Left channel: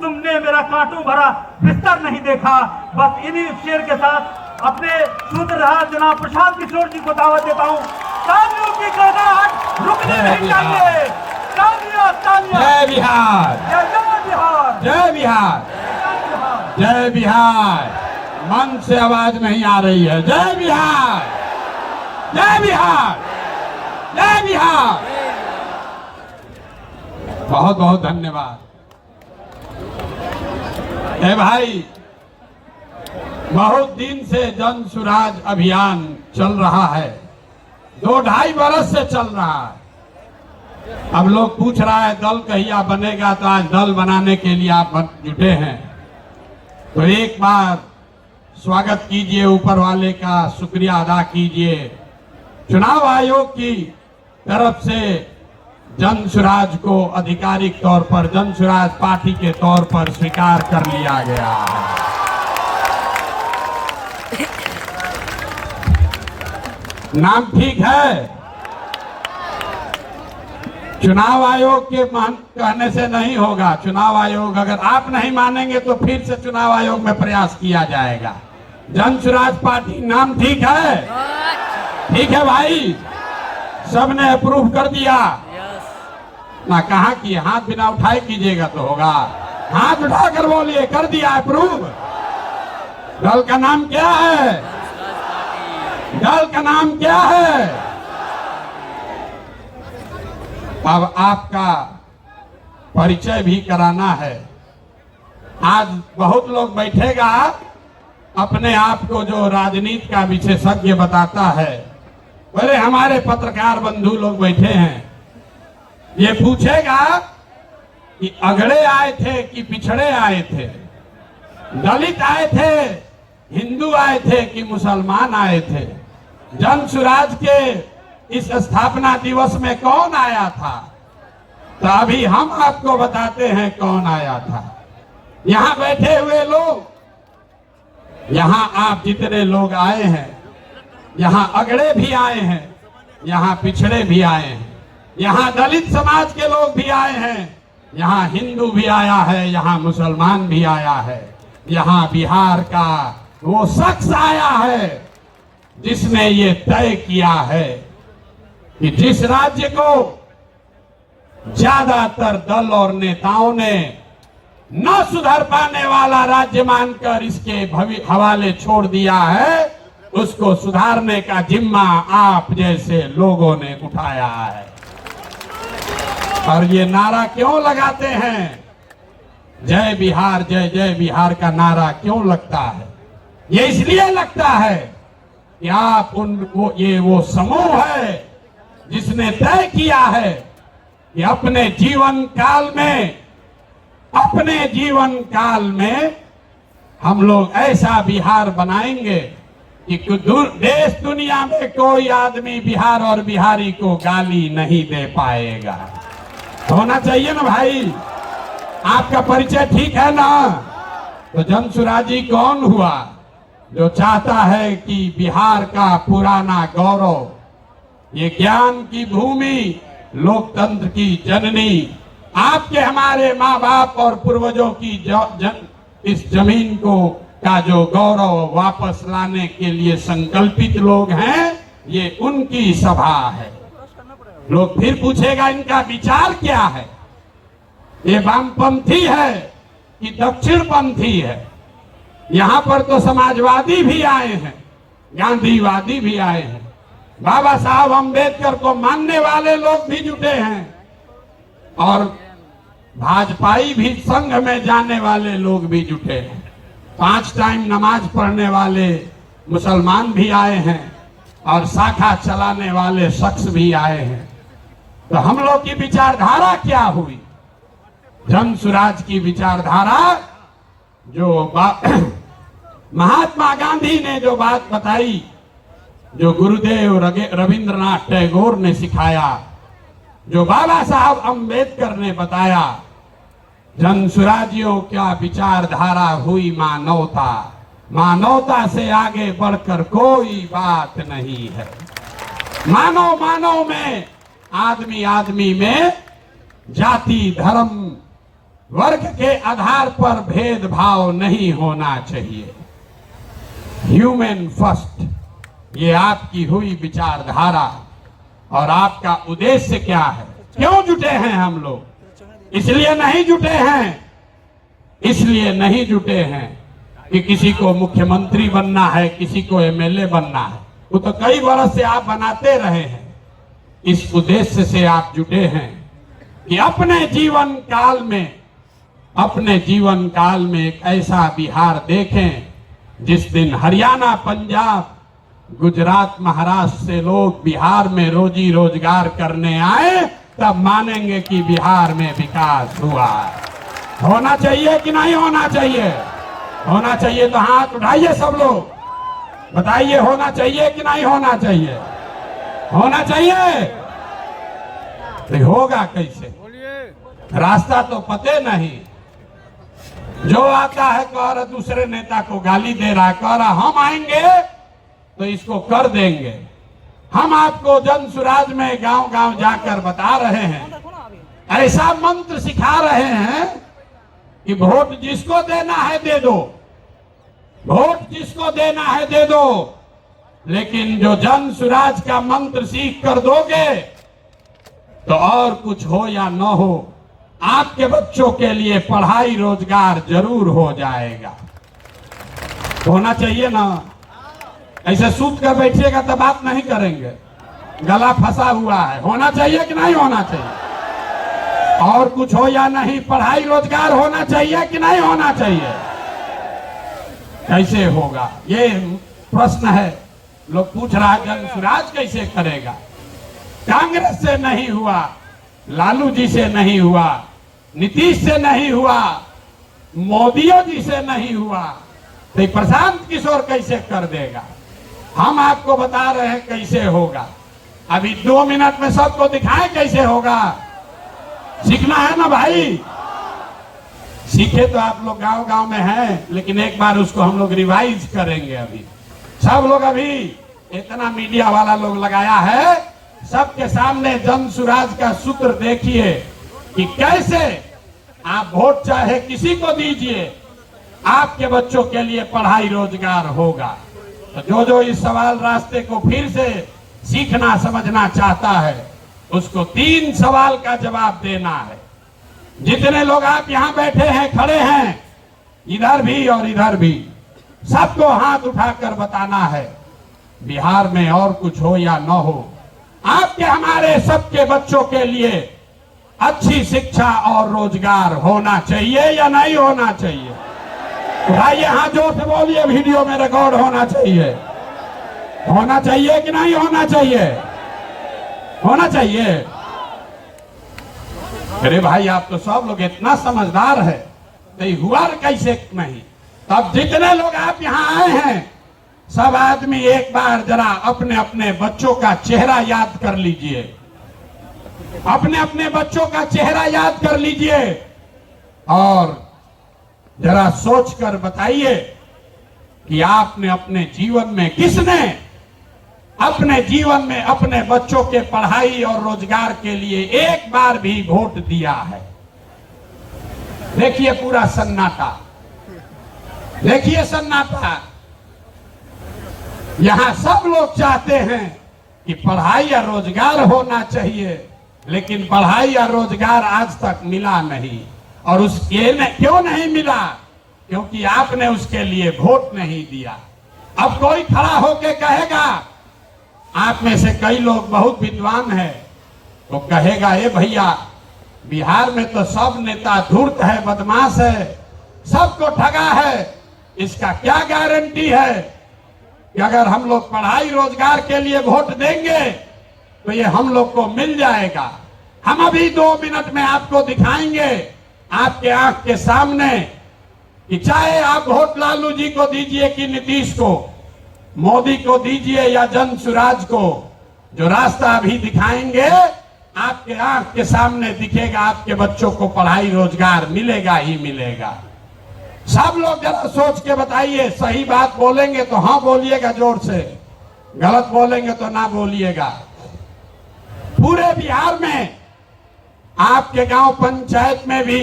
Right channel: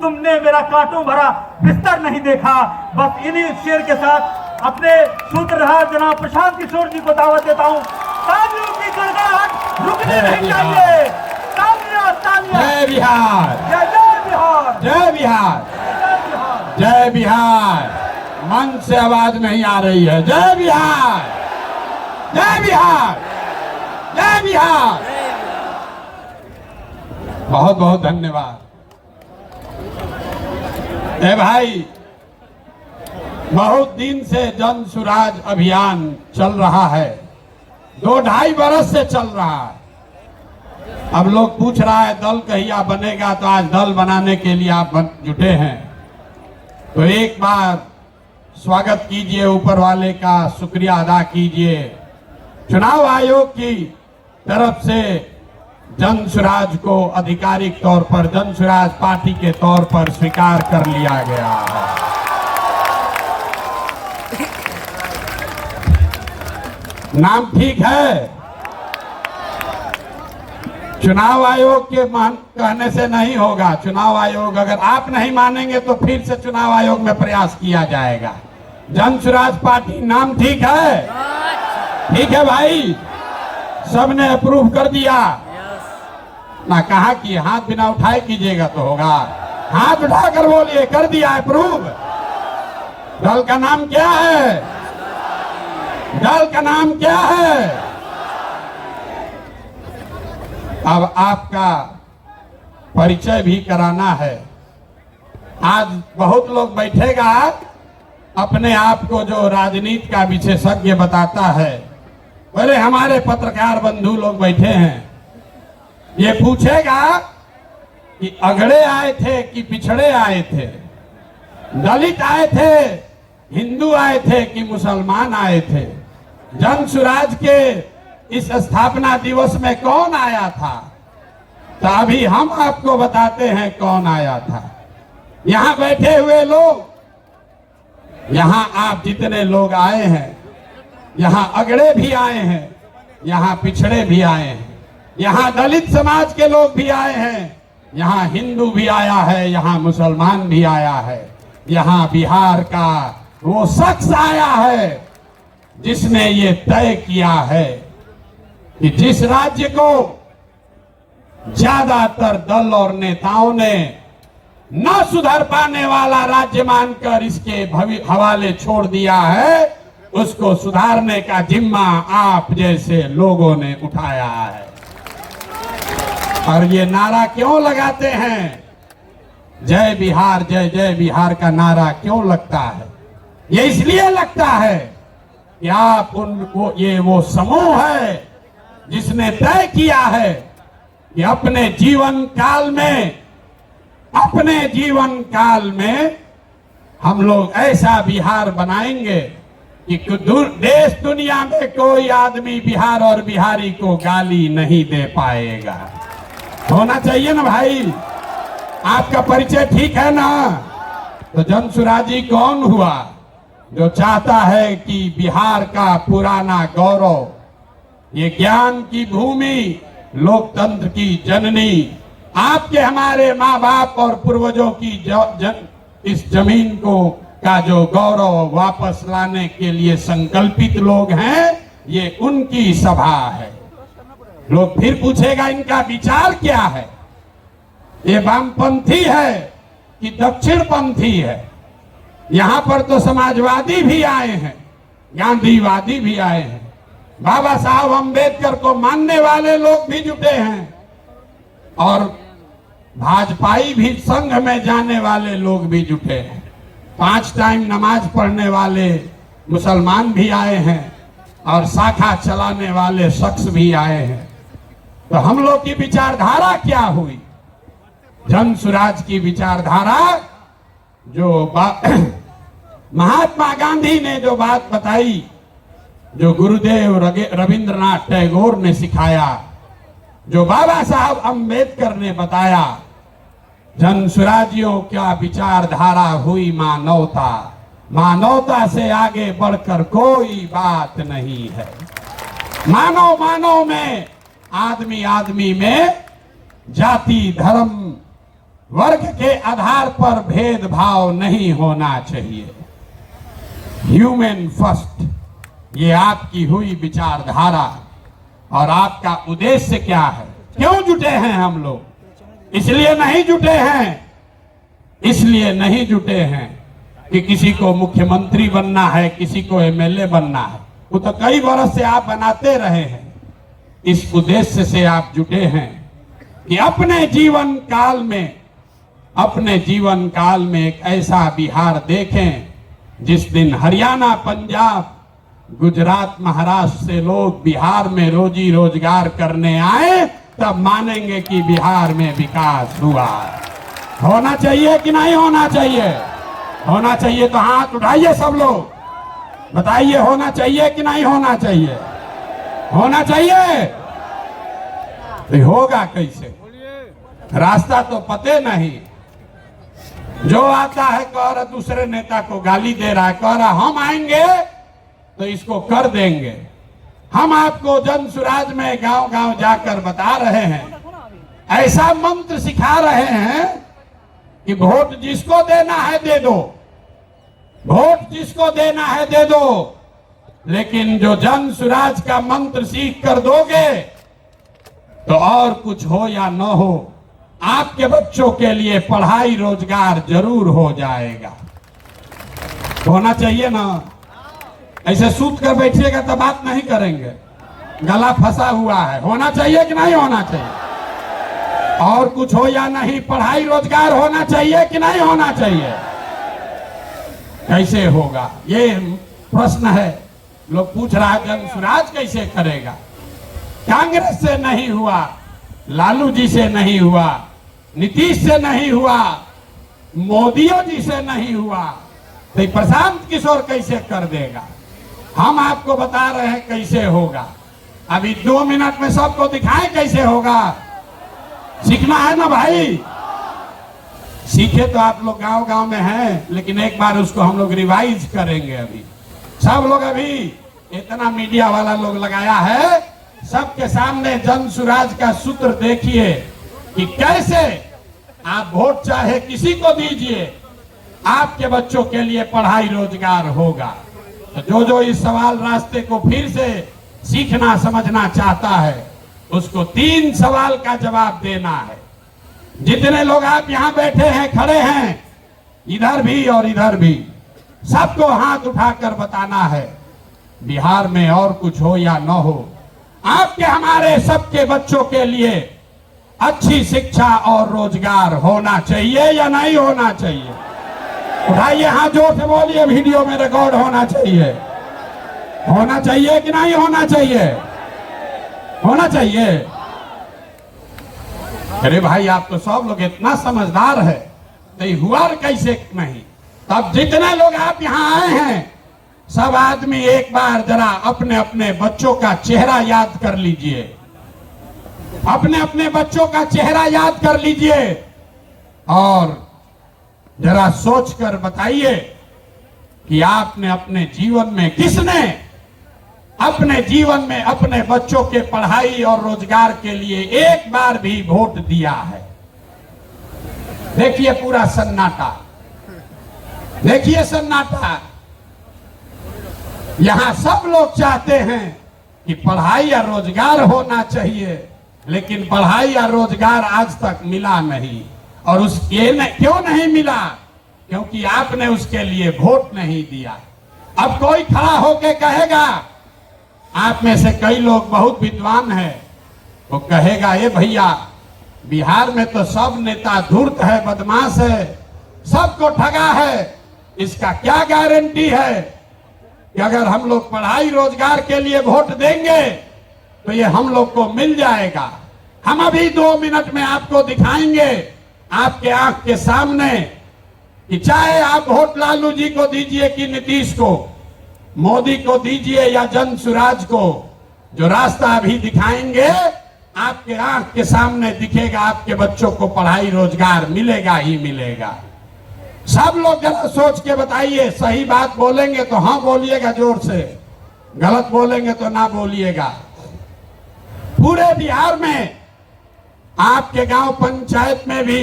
तुमने मेरा कांटों भरा बिस्तर नहीं देखा। बस इन्हीं शेर के साथ अपने सूत्रधार जनाब प्रशांत किशोर जी को दावत देता हूँ। तालियों की गड़गड़ाहट रुकनी नहीं चाहिए। तालियां तालियां। जय बिहार, जय बिहार, जय बिहार, जय बिहार। जय बिहार। मन से आवाज नहीं आ रही है। जय बिहार, जय बिहार, जय बिहार। बहुत बहुत धन्यवाद। ए भाई, बहुत दिन से जन सुराज अभियान चल रहा है, 2-2.5 बरस से चल रहा है। अब लोग पूछ रहा है दल कहिया बनेगा, तो आज दल बनाने के लिए आप जुटे हैं। तो एक बार स्वागत कीजिए, ऊपर वाले का शुक्रिया अदा कीजिए। चुनाव आयोग की तरफ से जन सुराज को आधिकारिक तौर पर जन सुराज पार्टी के तौर पर स्वीकार कर लिया गया है। नाम ठीक है? चुनाव आयोग के कहने से नहीं होगा। चुनाव आयोग, अगर आप नहीं मानेंगे तो फिर से चुनाव आयोग में प्रयास किया जाएगा। जन सुराज पार्टी नाम ठीक है? ठीक है भाई, सबने अप्रूव कर दिया ना? कहा कि हाथ बिना उठाए कीजिएगा तो होगा। हाथ उठाकर बोलिए, कर दिया अप्रूव। दल का नाम क्या है? दल का नाम क्या है? अब आपका परिचय भी कराना है। आज बहुत लोग बैठेगा, अपने आप को जो राजनीति का विशेषज्ञ बताता है। बोले हमारे पत्रकार बंधु लोग बैठे हैं, ये पूछेगा कि अगड़े आए थे कि पिछड़े आए थे, दलित आए थे, हिंदू आए थे कि मुसलमान आए थे। जन सुराज के इस स्थापना दिवस में कौन आया था? तो अभी हम आपको बताते हैं कौन आया था। यहाँ बैठे हुए लोग, यहाँ आप जितने लोग आए हैं, यहाँ अगड़े भी आए हैं, यहाँ पिछड़े भी आए हैं, यहाँ दलित समाज के लोग भी आए हैं, यहाँ हिंदू भी आया है, यहाँ मुसलमान भी आया है। यहाँ बिहार का वो शख्स आया है जिसने ये तय किया है कि जिस राज्य को ज्यादातर दल और नेताओं ने न सुधर पाने वाला राज्य मानकर इसके हवाले छोड़ दिया है, उसको सुधारने का जिम्मा आप जैसे लोगों ने उठाया है। और ये नारा क्यों लगाते हैं? जय बिहार, जय जय बिहार का नारा क्यों लगता है? ये इसलिए लगता है कि आप ये वो समूह है जिसने तय किया है कि अपने जीवन काल में हम लोग ऐसा बिहार बनाएंगे कि देश दुनिया में कोई आदमी बिहार और बिहारी को गाली नहीं दे पाएगा। होना चाहिए ना भाई? आपका परिचय ठीक है ना? तो जन सुराजी कौन हुआ? जो चाहता है कि बिहार का पुराना गौरव, ये ज्ञान की भूमि, लोकतंत्र की जननी, आपके हमारे माँ बाप और पूर्वजों की इस जमीन को का जो गौरव वापस लाने के लिए संकल्पित लोग हैं, ये उनकी सभा है। लोग फिर पूछेगा इनका विचार क्या है? ये वामपंथी है कि दक्षिणपंथी है? यहाँ पर तो समाजवादी भी आए हैं, गांधीवादी भी आए हैं, बाबा साहब अम्बेडकर को मानने वाले लोग भी जुटे हैं, और भाजपाई भी संघ में जाने वाले लोग भी जुटे हैं। 5 टाइम नमाज पढ़ने वाले मुसलमान भी आए हैं, और शाखा चलाने वाले शख्स भी आए हैं। तो हम लोग की विचारधारा क्या हुई? जन सुराज की विचारधारा जो महात्मा गांधी ने जो बात बताई, जो गुरुदेव रविंद्रनाथ टैगोर ने सिखाया, जो बाबा साहब अम्बेडकर ने बताया, जन सुराजियों क्या विचारधारा हुई मानवता। मानवता से आगे बढ़कर कोई बात नहीं है। मानव में, आदमी में जाति धर्म वर्ग के आधार पर भेदभाव नहीं होना चाहिए। ह्यूमन फर्स्ट, ये आपकी हुई विचारधारा और आपका उद्देश्य क्या है? क्यों जुटे हैं हम लोग? इसलिए नहीं जुटे हैं कि किसी को मुख्यमंत्री बनना है, किसी को एमएलए बनना है। वो तो कई वर्ष से आप बनाते रहे हैं। इस उद्देश्य से आप जुटे हैं कि अपने जीवन काल में एक ऐसा बिहार देखें जिस दिन हरियाणा, पंजाब, गुजरात, महाराष्ट्र से लोग बिहार में रोजी रोजगार करने आए, तब मानेंगे कि बिहार में विकास हुआ। होना चाहिए कि नहीं होना चाहिए? होना चाहिए तो हाथ उठाइए सब लोग, बताइए होना चाहिए कि नहीं होना चाहिए? होना चाहिए। तो होगा कैसे? रास्ता तो पते नहीं। जो आता है कह रहा दूसरे नेता को गाली दे रहा है, कह रहा हम आएंगे तो इसको कर देंगे। हम आपको जन सुराज में गांव गांव जाकर बता रहे हैं, ऐसा मंत्र सिखा रहे हैं कि वोट जिसको देना है दे दो, वोट जिसको देना है दे दो, लेकिन जो जन सुराज का मंत्र सीख कर दोगे तो और कुछ हो या न हो, आपके बच्चों के लिए पढ़ाई रोजगार जरूर हो जाएगा। होना चाहिए ना? ऐसे सूत कर बैठिएगा तो बात नहीं करेंगे, गला फंसा हुआ है। होना चाहिए कि नहीं होना चाहिए? और कुछ हो या नहीं, पढ़ाई रोजगार होना चाहिए कि नहीं होना चाहिए? कैसे होगा ये प्रश्न है। लोग पूछ रहा है जन सुराज कैसे करेगा? कांग्रेस से नहीं हुआ, लालू जी से नहीं हुआ, नीतीश से नहीं हुआ, मोदी जी से नहीं हुआ, तो प्रशांत किशोर कैसे कर देगा? हम आपको बता रहे हैं कैसे होगा। अभी 2 मिनट में सबको दिखाएं कैसे होगा। सीखना है ना भाई? सीखे तो आप लोग गांव गांव में हैं, लेकिन एक बार उसको हम लोग रिवाइज करेंगे। अभी सब लोग, अभी इतना मीडिया वाला लोग लगाया है, सबके सामने जन सुराज का सूत्र देखिए कि कैसे आप वोट चाहे किसी को दीजिए, आपके बच्चों के लिए पढ़ाई रोजगार होगा। तो जो जो इस सवाल रास्ते को फिर से सीखना समझना चाहता है, उसको 3 सवाल का जवाब देना है। जितने लोग आप यहाँ बैठे हैं, खड़े हैं, इधर भी और इधर भी, सबको हाथ उठाकर बताना है बिहार में और कुछ हो या न हो, आपके हमारे सबके बच्चों के लिए अच्छी शिक्षा और रोजगार होना चाहिए या नहीं होना चाहिए? उठाइए हाथ, जोर से बोलिए, वीडियो में रिकॉर्ड होना चाहिए। होना चाहिए कि नहीं होना चाहिए? होना चाहिए। अरे भाई, आप तो सब लोग इतना समझदार है, तो हुआ कैसे नहीं? तब जितने लोग आप यहाँ आए हैं, सब आदमी एक बार जरा अपने अपने बच्चों का चेहरा याद कर लीजिए, अपने अपने बच्चों का चेहरा याद कर लीजिए और जरा सोचकर बताइए कि आपने अपने जीवन में, किसने अपने जीवन में अपने बच्चों के पढ़ाई और रोजगार के लिए एक बार भी वोट दिया है? देखिए पूरा सन्नाटा, देखिए सन्नाटा। यहां सब लोग चाहते हैं कि पढ़ाई या रोजगार होना चाहिए, लेकिन पढ़ाई या रोजगार आज तक मिला नहीं। और क्यों नहीं मिला? क्योंकि आपने उसके लिए वोट नहीं दिया। अब कोई खड़ा होके कहेगा, आप में से कई लोग बहुत विद्वान हैं, वो कहेगा, ए भैया, बिहार में तो सब नेता धूर्त है, बदमाश है, सबको ठगा है। इसका क्या गारंटी है कि अगर हम लोग पढ़ाई रोजगार के लिए वोट देंगे तो ये हम लोग को मिल जाएगा? हम अभी 2 मिनट में आपको दिखाएंगे, आपके आंख के सामने, कि चाहे आप वोट लालू जी को दीजिए कि नीतीश को, मोदी को दीजिए या जन सुराज को, जो रास्ता अभी दिखाएंगे आपके आंख के सामने दिखेगा, आपके बच्चों को पढ़ाई रोजगार मिलेगा ही मिलेगा। सब लोग जरा सोच के बताइए, सही बात बोलेंगे तो हाँ बोलिएगा जोर से, गलत बोलेंगे तो ना बोलिएगा। पूरे बिहार में आपके गांव पंचायत में भी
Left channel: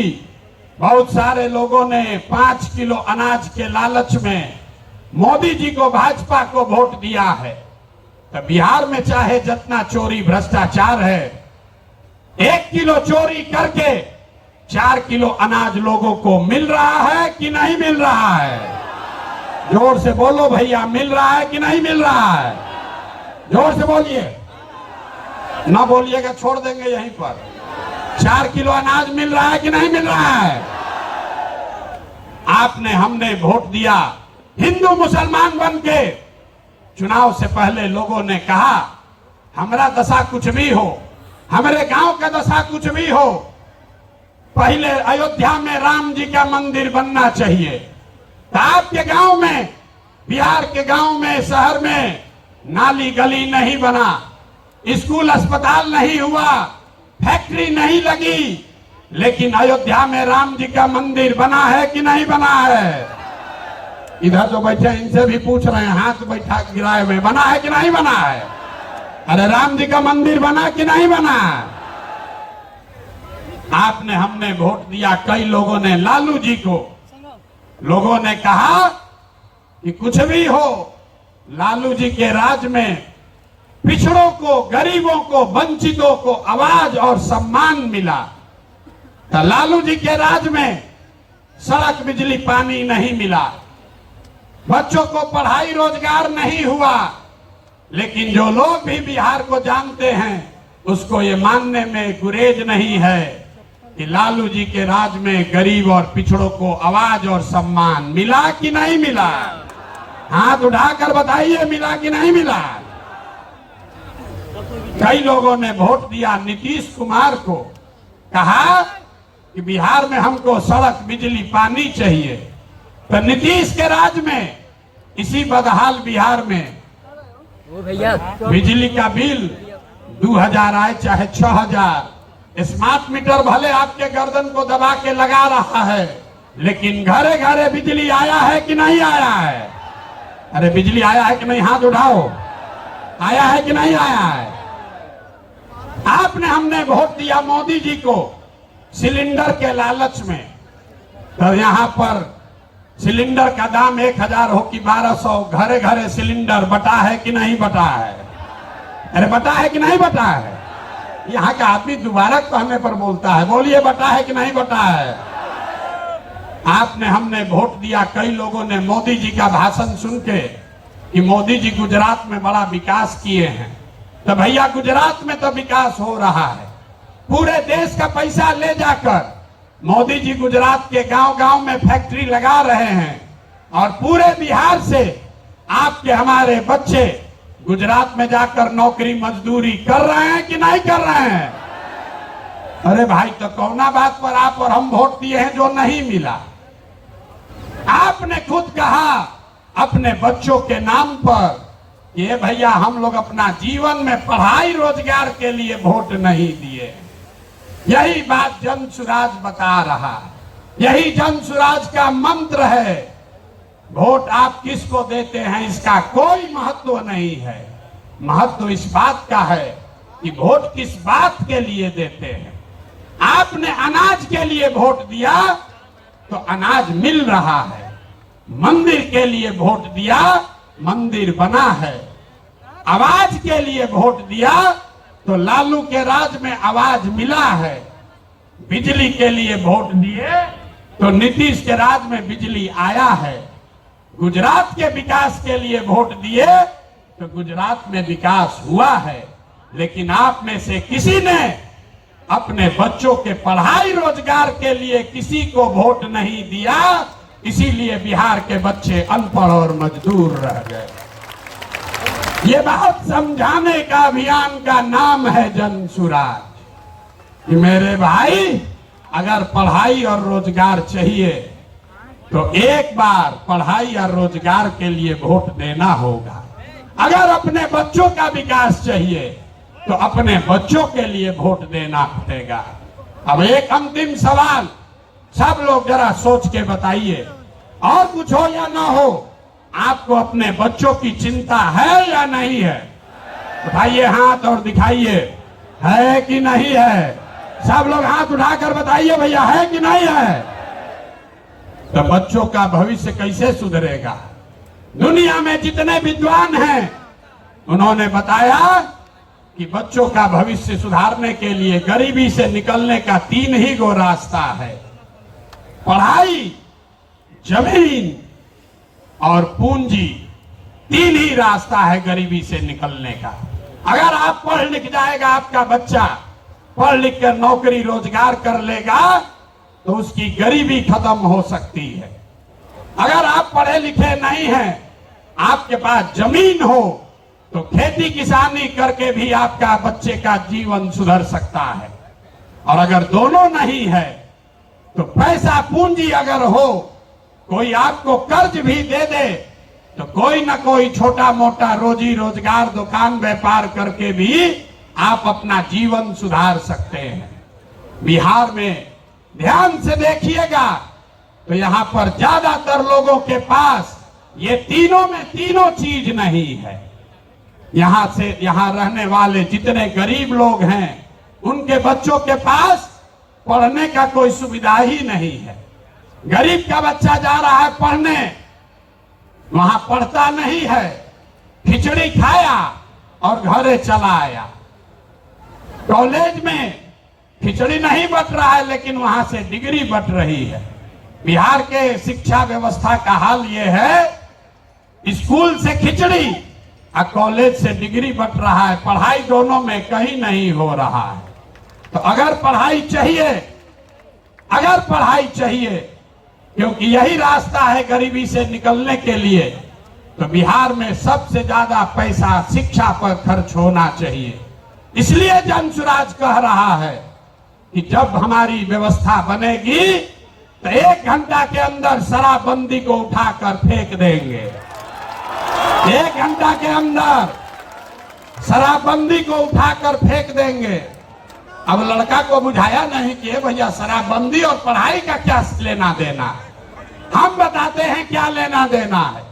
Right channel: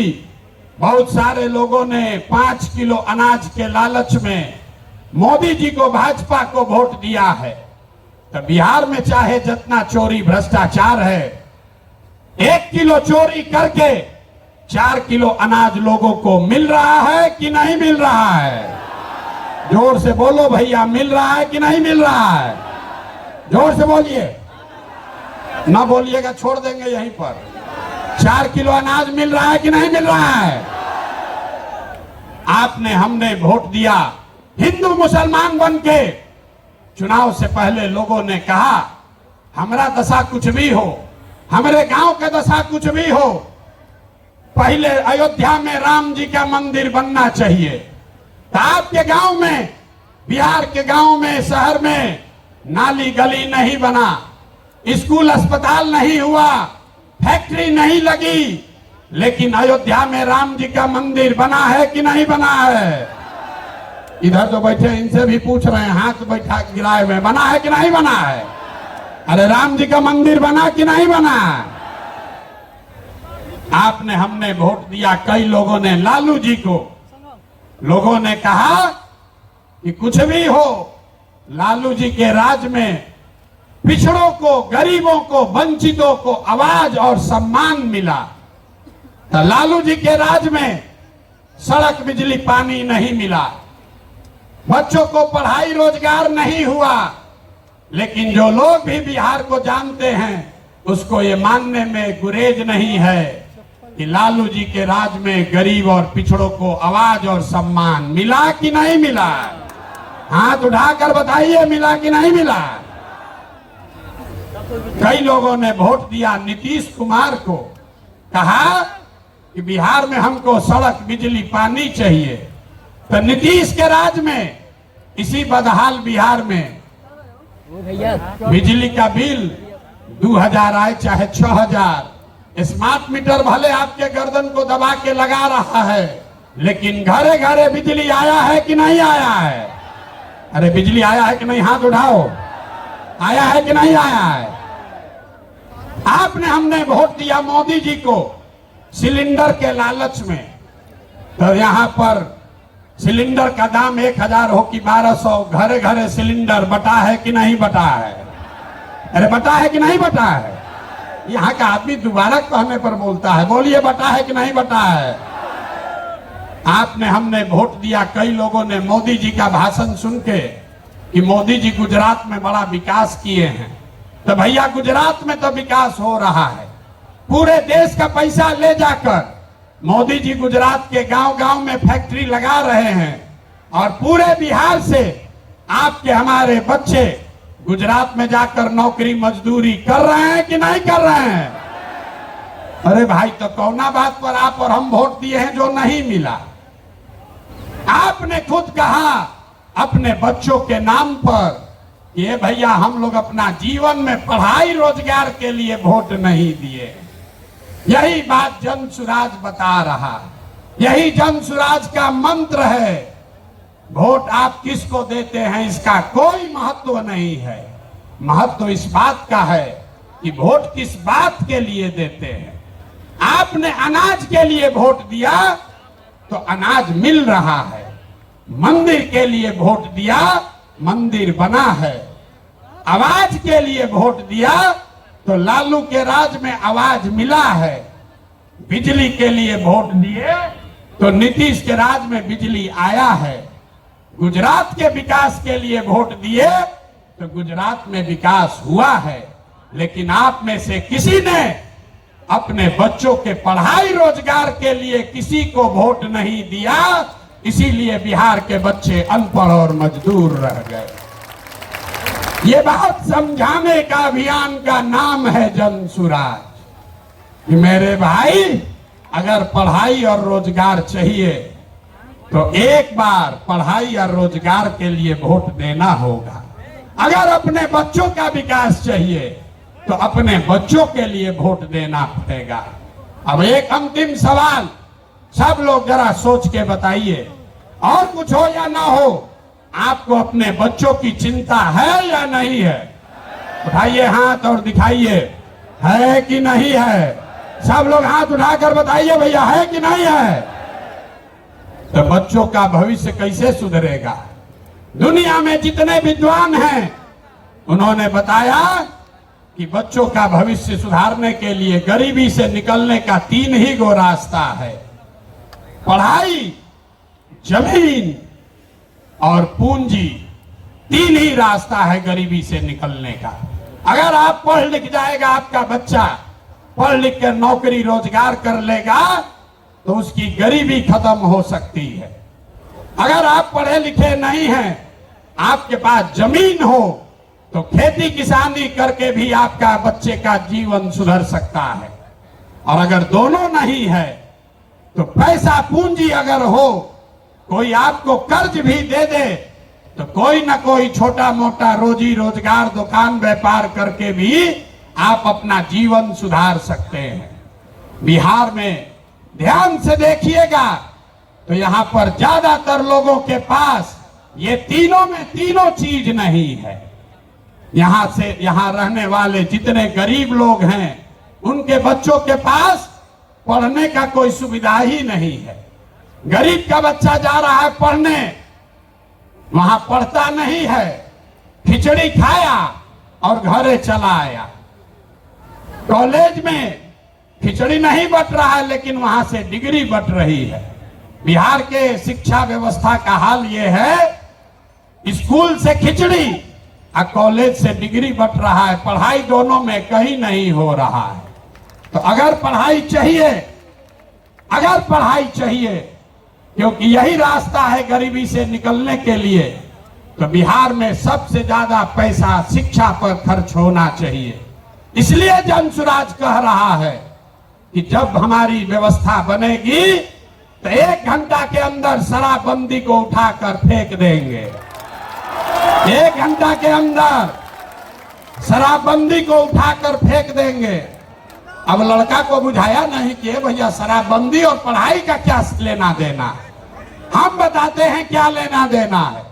बहुत सारे लोगों ने 5 किलो अनाज के लालच में मोदी जी को, भाजपा को वोट दिया है। तो बिहार में चाहे जितना चोरी भ्रष्टाचार है, 1 किलो चोरी करके 4 किलो अनाज लोगों को मिल रहा है कि नहीं मिल रहा है? जोर से बोलो भैया, मिल रहा है कि नहीं मिल रहा है? जोर से बोलिए, ना बोलिएगा छोड़ देंगे यहीं पर। 4 किलो अनाज मिल रहा है कि नहीं मिल रहा है? आपने, हमने वोट दिया हिंदू मुसलमान बन के। चुनाव से पहले लोगों ने कहा हमारा दशा कुछ भी हो, हमारे गांव का दशा कुछ भी हो, पहले अयोध्या में राम जी का मंदिर बनना चाहिए। तो आपके गांव में, बिहार के गांव में, शहर में नाली गली नहीं बना, स्कूल अस्पताल नहीं हुआ, फैक्ट्री नहीं लगी, लेकिन अयोध्या में राम जी का मंदिर बना है कि नहीं बना है? इधर जो बैठे इनसे भी पूछ रहे हैं, हाथ बैठा गिराए हुए, बना है कि नहीं बना है? अरे राम जी का मंदिर बना कि नहीं बना? आपने, हमने वोट दिया, कई लोगों ने लालू जी को। लोगों ने कहा कि कुछ भी हो, लालू जी के राज में पिछड़ों को, गरीबों को, वंचितों को आवाज और सम्मान मिला। तो लालू जी के राज में सड़क, बिजली, पानी नहीं मिला, बच्चों को पढ़ाई रोजगार नहीं हुआ। लेकिन जो लोग भी बिहार को जानते हैं उसको ये मानने में गुरेज नहीं है कि लालू जी के राज में गरीब और पिछड़ों को आवाज और सम्मान मिला कि नहीं मिला? हाथ उठाकर बताइए, मिला कि नहीं मिला? कई लोगों ने वोट दिया नीतीश कुमार को, कहा कि बिहार में हमको सड़क, बिजली, पानी चाहिए। तो नीतीश के राज में, इसी बदहाल बिहार में बिजली का बिल 2000 आए चाहे 6000, स्मार्ट मीटर भले आपके गर्दन को दबा के लगा रहा है, लेकिन घरे घरे बिजली आया है कि नहीं आया है? अरे बिजली आया है कि नहीं? हाथ उठाओ, आया है कि नहीं आया है? आपने, हमने वोट दिया मोदी जी को सिलेंडर के लालच में। तो यहां पर सिलेंडर का दाम 1000 हो कि 1200, घरे घरे सिलेंडर बटा है कि नहीं बटा है? अरे बटा है कि नहीं बटा है? यहाँ का आदमी दोबारा कहने पर बोलता है, बोलिए बटा है कि नहीं बटा है? आपने, हमने वोट दिया, कई लोगों ने मोदी जी का भाषण सुन के कि मोदी जी गुजरात में बड़ा विकास किए हैं। तो भैया गुजरात में तो विकास हो रहा है, पूरे देश का पैसा ले जाकर मोदी जी गुजरात के गांव गांव में फैक्ट्री लगा रहे हैं, और पूरे बिहार से आपके, हमारे बच्चे गुजरात में जाकर नौकरी मजदूरी कर रहे हैं कि नहीं कर रहे हैं? अरे भाई, तो कौना बात पर आप और हम वोट दिए हैं जो नहीं मिला? आपने खुद कहा अपने बच्चों के नाम पर, ये भैया हम लोग अपना जीवन में पढ़ाई रोजगार के लिए वोट नहीं दिए। यही बात जन सुराज बता रहा है, यही जन सुराज का मंत्र है। वोट आप किसको देते हैं इसका कोई महत्व नहीं है, महत्व इस बात का है कि वोट किस बात के लिए देते हैं। आपने अनाज के लिए वोट दिया तो अनाज मिल रहा है, मंदिर के लिए वोट दिया, मंदिर बना है, आवाज के लिए वोट दिया तो लालू के राज में आवाज मिला है, बिजली के लिए वोट दिए तो नीतीश के राज में बिजली आया है, गुजरात के विकास के लिए वोट दिए तो गुजरात में विकास हुआ है। लेकिन आप में से किसी ने अपने बच्चों के पढ़ाई रोजगार के लिए किसी को वोट नहीं दिया, इसीलिए बिहार के बच्चे अनपढ़ और मजदूर रह गए। ये बात समझाने का अभियान का नाम है जन सुराज। मेरे भाई, अगर पढ़ाई और रोजगार चाहिए तो एक बार पढ़ाई और रोजगार के लिए वोट देना होगा। अगर अपने बच्चों का विकास चाहिए तो अपने बच्चों के लिए वोट देना पड़ेगा। अब एक अंतिम सवाल, सब लोग जरा सोच के बताइए, और कुछ हो या ना हो, आपको अपने बच्चों की चिंता है या नहीं है? उठाइए हाथ और दिखाइए, है कि नहीं है? सब लोग हाथ उठाकर बताइए भैया, है कि नहीं है? तो बच्चों का भविष्य कैसे सुधरेगा? दुनिया में जितने विद्वान हैं उन्होंने बताया कि बच्चों का भविष्य सुधारने के लिए गरीबी से निकलने का 3 ही गो रास्ता है। पढ़ाई, जमीन और पूंजी, 3 ही रास्ता है गरीबी से निकलने का। अगर आप पढ़ लिख जाएगा, आपका बच्चा पढ़ लिख कर नौकरी रोजगार कर लेगा तो उसकी गरीबी खत्म हो सकती है। अगर आप पढ़े लिखे नहीं हैं, आपके पास जमीन हो तो खेती किसानी करके भी आपका बच्चे का जीवन सुधर सकता है। और अगर दोनों नहीं है तो पैसा पूंजी अगर हो, कोई आपको कर्ज भी दे दे तो कोई ना कोई छोटा मोटा रोजी रोजगार दुकान व्यापार करके भी आप अपना जीवन सुधार सकते हैं। बिहार में ध्यान से देखिएगा तो यहां पर ज्यादातर लोगों के पास ये तीनों में तीनों चीज नहीं है। यहां रहने वाले जितने गरीब लोग हैं उनके बच्चों के पास पढ़ने का कोई सुविधा ही नहीं है। गरीब का बच्चा जा रहा है पढ़ने, वहां पढ़ता नहीं है, खिचड़ी खाया और घरे चला आया। कॉलेज में खिचड़ी नहीं बट रहा है लेकिन वहां से डिग्री बट रही है। बिहार के शिक्षा व्यवस्था का हाल ये है, स्कूल से खिचड़ी और कॉलेज से डिग्री बट रहा है, पढ़ाई दोनों में कहीं नहीं हो रहा है। तो अगर पढ़ाई चाहिए क्योंकि यही रास्ता है गरीबी से निकलने के लिए, तो बिहार में सबसे ज्यादा पैसा शिक्षा पर खर्च होना चाहिए। इसलिए जनसुराज कह रहा है कि जब हमारी व्यवस्था बनेगी तो 1 घंटा के अंदर शराबबंदी को उठाकर फेंक देंगे। 1 घंटा के अंदर शराबबंदी को उठाकर फेंक देंगे। अब लड़का को बुझाया नहीं कि भैया शराबबंदी और पढ़ाई का क्या लेना देना, हम बताते हैं क्या लेना देना है।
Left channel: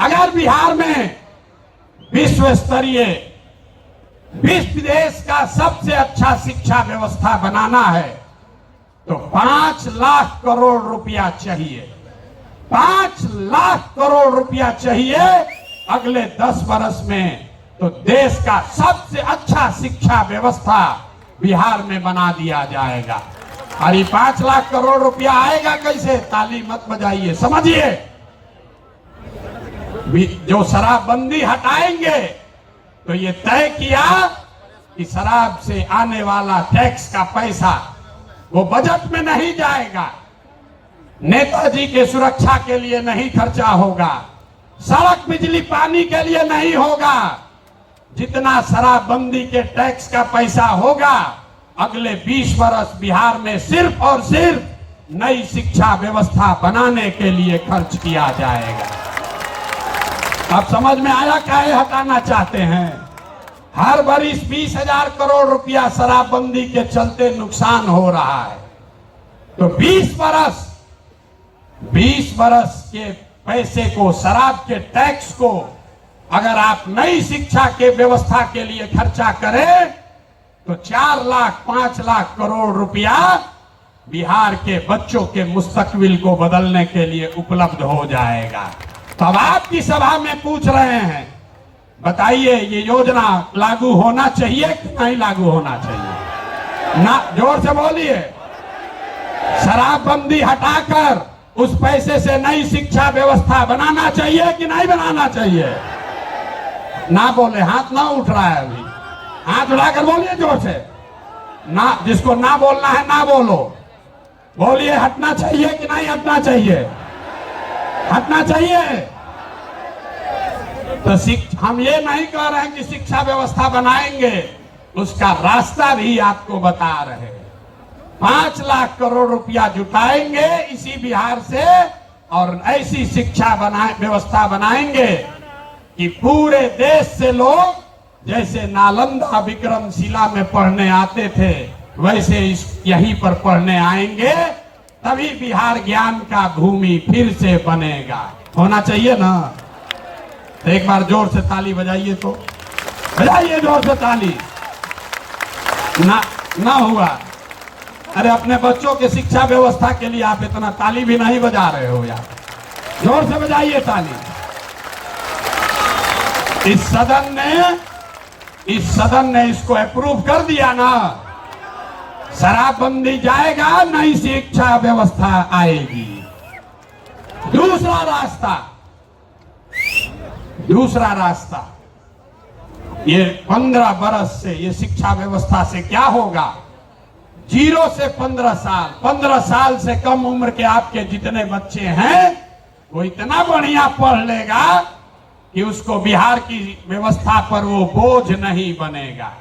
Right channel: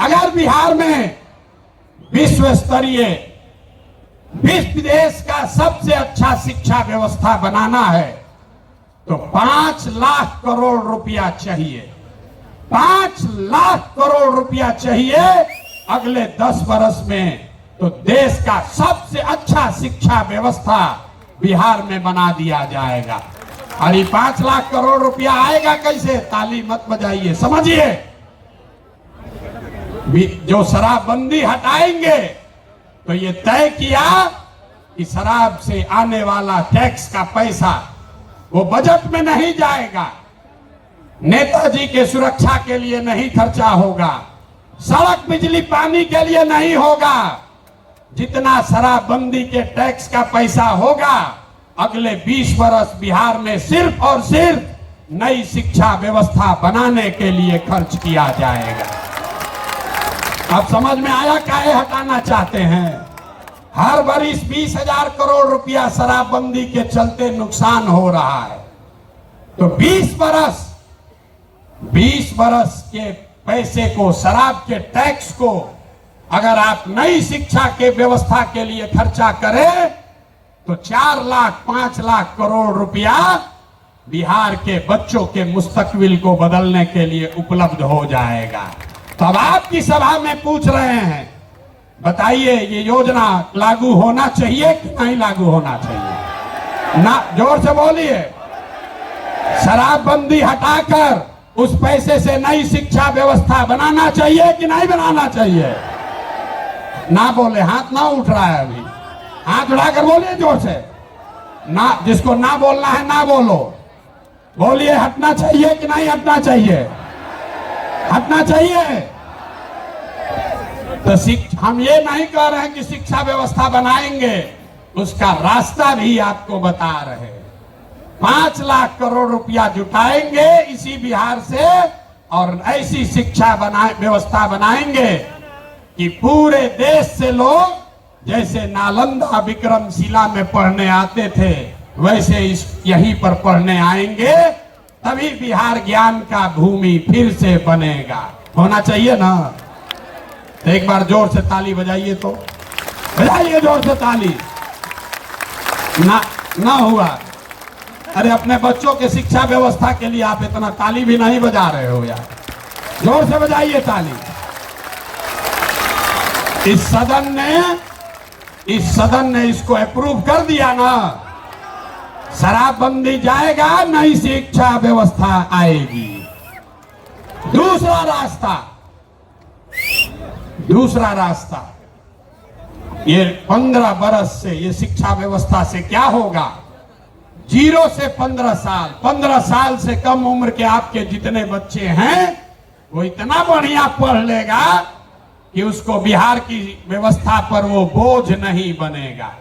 अगर बिहार में विश्व स्तरीय विश्व देश का सबसे अच्छा शिक्षा व्यवस्था बनाना है तो 5 लाख करोड़ रुपया चाहिए। 5 लाख करोड़ रुपया चाहिए अगले 10 वर्ष में, तो देश का सबसे अच्छा शिक्षा व्यवस्था बिहार में बना दिया जाएगा। और ये 5 लाख करोड़ रुपया आएगा कैसे? ताली मत बजाइए, समझिए। जो शराबबंदी हटाएंगे तो ये तय किया कि शराब से आने वाला टैक्स का पैसा वो बजट में नहीं जाएगा, नेताजी के सुरक्षा के लिए नहीं खर्चा होगा, सड़क बिजली पानी के लिए नहीं होगा। जितना शराबबंदी के टैक्स का पैसा होगा अगले 20 वर्ष बिहार में सिर्फ और सिर्फ नई शिक्षा व्यवस्था बनाने के लिए खर्च किया जाएगा। अब समझ में आया काहे हटाना चाहते हैं? हर वर्ष 20,000 करोड़ रुपया शराबबंदी के चलते नुकसान हो रहा है, तो 20 वर्ष के पैसे को, शराब के टैक्स को अगर आप नई शिक्षा के व्यवस्था के लिए खर्चा करें तो 4 लाख 5 लाख करोड़ रुपया बिहार के बच्चों के मुस्तकबिल को बदलने के लिए उपलब्ध हो जाएगा। तो अब आपकी सभा में पूछ रहे हैं, बताइए ये योजना लागू होना चाहिए कि नहीं लागू होना चाहिए? ना, जोर से बोलिए। शराबबंदी हटाकर उस पैसे से नई शिक्षा व्यवस्था बनाना चाहिए कि नहीं बनाना चाहिए? ना बोले, हाथ ना उठ रहा है अभी, हाथ उठाकर बोलिए जोर से। ना, जिसको ना बोलना है ना बोलो, बोलिए हटना चाहिए कि नहीं हटना चाहिए? हटना चाहिए। तो हम ये नहीं कह रहे हैं कि शिक्षा व्यवस्था बनाएंगे, उसका रास्ता भी आपको बता रहे हैं। 5 लाख करोड़ रुपया जुटाएंगे इसी बिहार से और ऐसी शिक्षा व्यवस्था बनाएंगे कि पूरे देश से लोग जैसे नालंदा विक्रमशिला में पढ़ने आते थे वैसे यहीं पर पढ़ने आएंगे, तभी बिहार ज्ञान का भूमि फिर से बनेगा। होना चाहिए ना? तो एक बार जोर से ताली बजाइए, तो बजाइए जोर से ताली। ना हुआ अरे अपने बच्चों की शिक्षा व्यवस्था के लिए आप इतना ताली भी नहीं बजा रहे हो यार, जोर से बजाइए ताली। इस सदन ने इसको अप्रूव कर दिया ना, शराबबंदी जाएगा, नई शिक्षा व्यवस्था आएगी। दूसरा रास्ता ये 15 बरस से ये शिक्षा व्यवस्था से क्या होगा? 0 से 15 साल, 15 साल से कम उम्र के आपके जितने बच्चे हैं वो इतना बढ़िया पढ़ लेगा कि उसको बिहार की व्यवस्था पर वो बोझ नहीं बनेगा।